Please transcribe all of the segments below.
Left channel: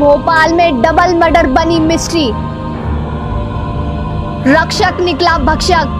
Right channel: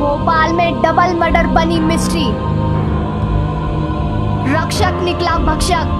भोपाल में double murder बनी mystery, रक्षक निकला भक्षक।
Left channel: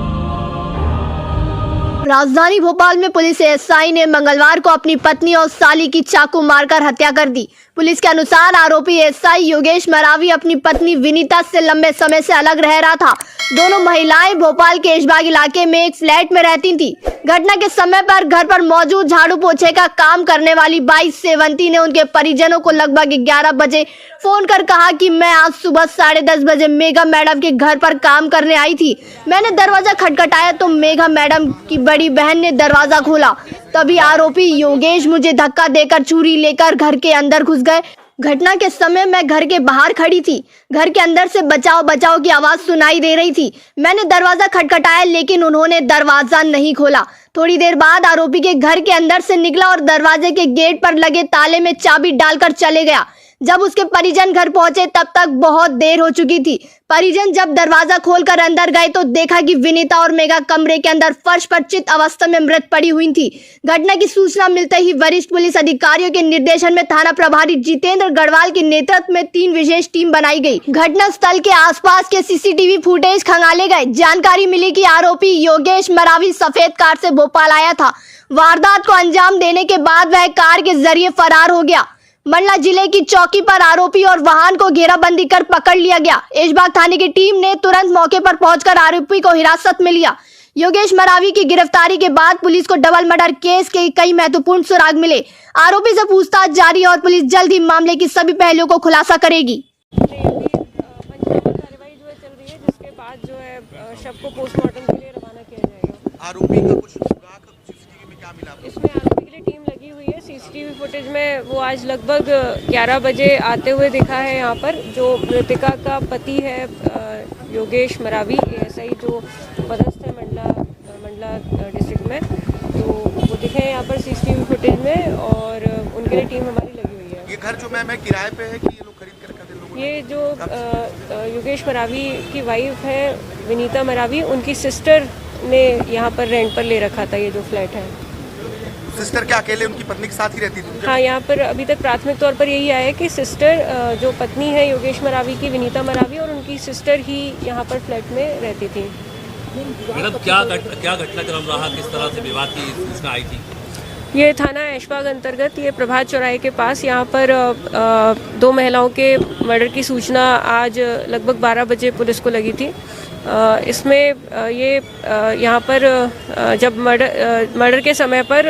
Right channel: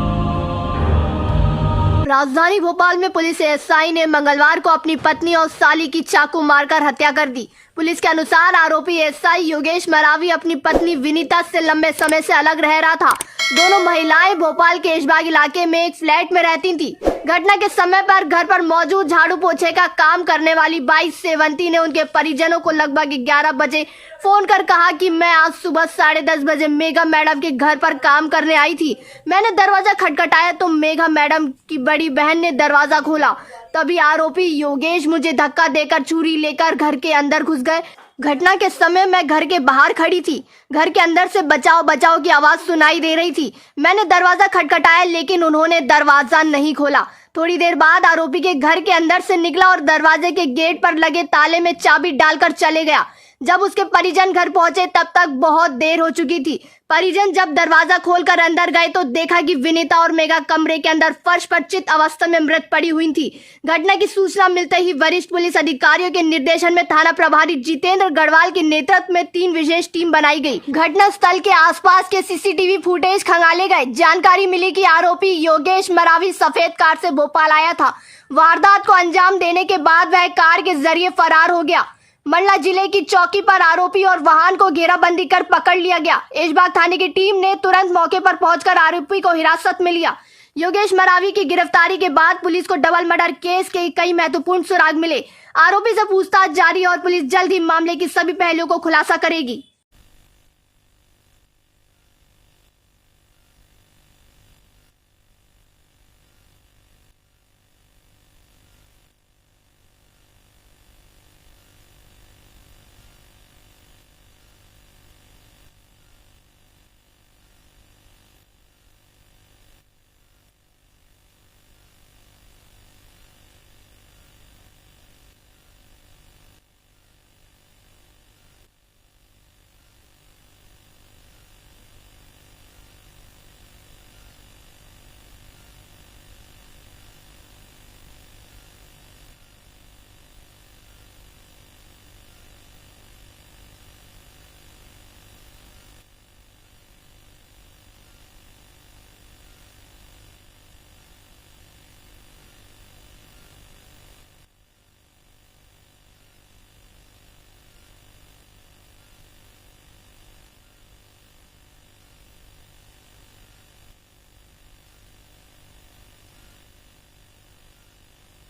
राजधानी भोपाल में पुलिस एएसआई ने मंगलवार को अपनी पत्नी और साली की चाकू मारकर हत्या कर दी। पुलिस के अनुसार आरोपी एएसआई योगेश मरावी अपनी पत्नी विनीता से लंबे समय से अलग रह रहा था। दोनों महिलाएं भोपाल के ऐशबाग इलाके में एक फ्लैट में रहती थी। घटना के समय पर घर पर मौजूद झाड़ू पोछे का काम करने वाली 22 सेवंती ने उनके परिजनों को लगभग 11 बजे फोन कर कहा कि मैं आज सुबह 10:30 बजे मेघा मैडम के घर पर काम करने आई थी। मैंने दरवाजा खटखटाया तो मेघा मैडम की बड़ी बहन ने दरवाजा खोला। तभी आरोपी योगेश मुझे धक्का देकर छुरी लेकर घर के अंदर घुस गए। घटना के समय मैं घर के बाहर खड़ी थी। घर के अंदर से बचाओ बचाओ की आवाज सुनाई दे रही थी। मैंने दरवाजा खटखटाया लेकिन उन्होंने दरवाजा नहीं खोला। थोड़ी देर बाद आरोपी के घर के अंदर से निकला और दरवाजे के गेट पर लगे ताले में चाबी डालकर चले गया। जब उसके परिजन घर पहुंचे तब तक बहुत देर हो चुकी थी। परिजन जब दरवाजा खोलकर अंदर गए तो देखा कि विनीता और मेघा कमरे के अंदर फर्श पर चित अवस्था में मृत पड़ी हुई थी। घटना की सूचना मिलते ही वरिष्ठ पुलिस अधिकारियों के निर्देशन में थाना प्रभारी जितेंद्र गढ़वाल के नेतृत्व में 3 विशेष टीम बनाई गई। घटना स्थल के आसपास के सीसीटीवी फुटेज खंगाले गए। जानकारी मिली कि आरोपी योगेश मरावी सफेद कार से भोपाल आया था। वारदात को अंजाम देने के बाद वह कार के जरिए फरार हो गया। मंडला जिले की चौकी पर आरोपी और वाहन को घेराबंदी कर पकड़ लिया गया। ऐशबाग थाने की टीम ने तुरंत मौके पर पहुंचकर आरोपी को हिरासत में लिया। योगेश मरावी की गिरफ्तारी के बाद पुलिस को डबल मर्डर केस के कई महत्वपूर्ण सुराग मिले। आरोपी से पूछताछ जारी और पुलिस जल्द ही मामले की सभी पहलुओं को खुलासा करेगी। जिसके बाद जो है शव को पोस्टमार्टम के लिए रवाना किया जाएगा। आरोपी का कुछ सीसीटीवी में क्या मिला? इसमें आरोपी के लिए टीम लगी हुई है। सीसीटीवी फुटेज में वो आज लगभग 11 बजे आते हुए दिखा है। यहाँ पर जो मृतिका का पति है योगेश मरावी, एएसआई जो पदस्थ है मंडला डिस्ट्रिक्ट में, तो वो दिखे हैं यहाँ पर सीसीटीवी फुटेज में और उनके लिए टीम हमारी लगी हुई है। ये घर जो मैं किराए पे है कि ये लोग खरीद कर रखा थे लोगों ने? ये जो योगेश मरावी की वाइफ है विनीता मरावी, उनकी सिस्टर ने यहाँ पर रेंट पर ले रखा था ये जो फ्लैट है। सिस्टर क्या अकेले उनकी पत्नी के साथ ही रहती थी? हाँ, यहाँ पर अभी तक प्राथमिक तौर पर यही आया है कि सिस्टर जो पत्नी है योगेश मरावी की, विनीता मरावी, और उनकी सिस्टर ही यहाँ पर फ्लैट में रहती थी। मैडम क्या घटनाक्रम रहा, किस तरह से विवाद की सूचना आई थी? ये थाना ऐशबाग अंतर्गत ये प्रभात चौराहे के पास यहाँ पर 2 महिलाओं के मर्डर की सूचना आज लगभग 12 बजे पुलिस को लगी थी। इसमें ये यहाँ पर जब मर्डर के समय पर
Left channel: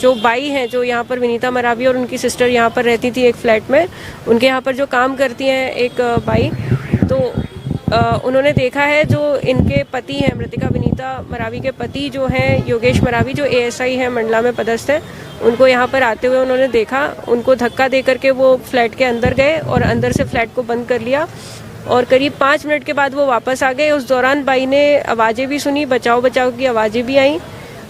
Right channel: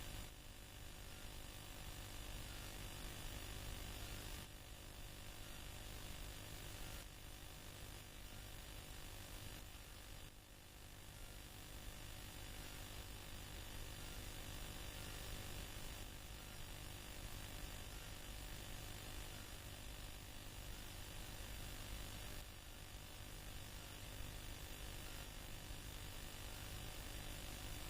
जो बाई हैं, जो यहाँ पर विनीता मरावी और उनकी सिस्टर यहाँ पर रहती थी एक फ्लैट में, उनके यहाँ पर जो काम करती हैं एक बाई, तो उन्होंने देखा है जो इनके पति हैं, मृतिका विनीता मरावी के पति जो हैं योगेश मरावी, जो एएसआई हैं मंडला में पदस्थ है, उनको यहाँ पर आते हुए उन्होंने देखा। उनको धक्का दे करके वो फ्लैट के अंदर गए और अंदर से फ्लैट को बंद कर लिया और करीब 5 मिनट के बाद वो वापस आ गए। उस दौरान बाई ने आवाज़ें भी सुनी, बचाओ बचाओ की आवाज़ें भी आई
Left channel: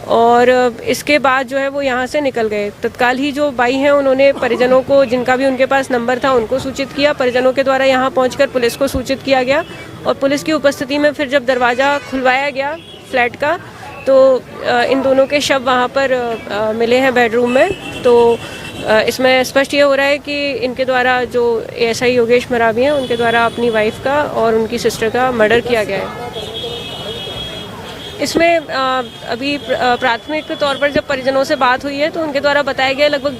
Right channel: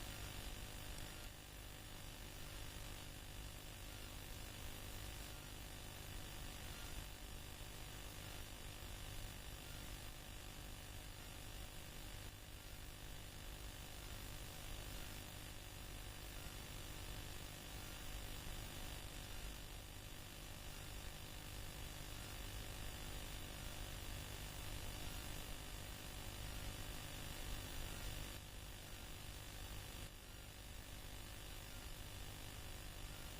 और इसके बाद जो है वो यहाँ से निकल गए। तत्काल ही जो बाई हैं उन्होंने परिजनों को, जिनका भी उनके पास नंबर था, उनको सूचित किया। परिजनों के द्वारा यहाँ पहुंचकर पुलिस को सूचित किया गया और पुलिस की उपस्थिति में फिर जब दरवाज़ा खुलवाया गया फ्लैट का तो इन दोनों के शव वहाँ पर मिले हैं बेडरूम में। तो इसमें स्पष्ट ये हो रहा है कि इनके द्वारा जो एएसआई योगेश मरावी हैं उनके द्वारा अपनी वाइफ का और उनकी सिस्टर का मर्डर किया गया है। इसमें अभी प्राथमिक तौर पर जब परिजनों से बात हुई है तो उनके द्वारा बताया गया लगभग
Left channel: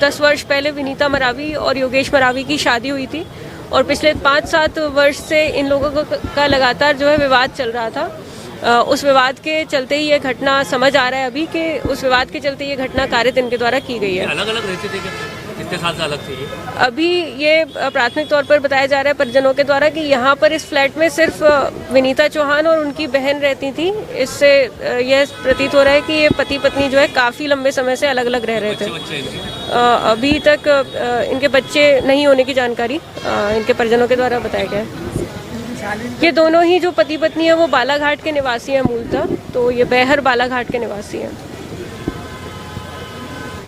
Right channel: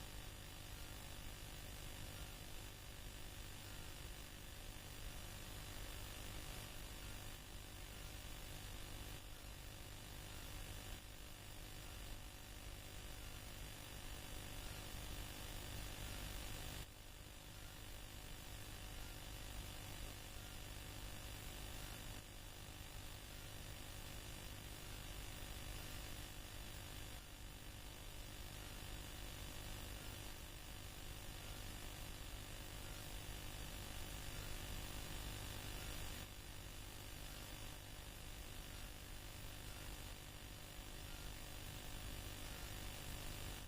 10 वर्ष पहले विनीता मरावी और योगेश मरावी की शादी हुई थी और पिछले 5-7 वर्ष से इन लोगों का लगातार जो है विवाद चल रहा था। उस विवाद के चलते ही ये घटना, समझ आ रहा है अभी कि उस विवाद के चलते ये घटना कारित इनके द्वारा की गई है। अलग अलग रहते थे कितने साल से अलग थे ये? अभी ये प्राथमिक तौर पर बताया जा रहा है परिजनों के द्वारा कि यहाँ पर इस फ्लैट में सिर्फ विनीता चौहान और उनकी बहन रहती थी। इससे यह प्रतीत हो रहा है कि ये पति पत्नी जो है काफ़ी लंबे समय से अलग अलग रह रहे थे। अभी तक इनके बच्चे नहीं होने की जानकारी इनके परिजनों के द्वारा बताया गया है। ये दोनों ही जो पति पत्नी है वो बालाघाट के निवासी हैं मूलतः, तो ये बेहर बालाघाट के निवासी हैं।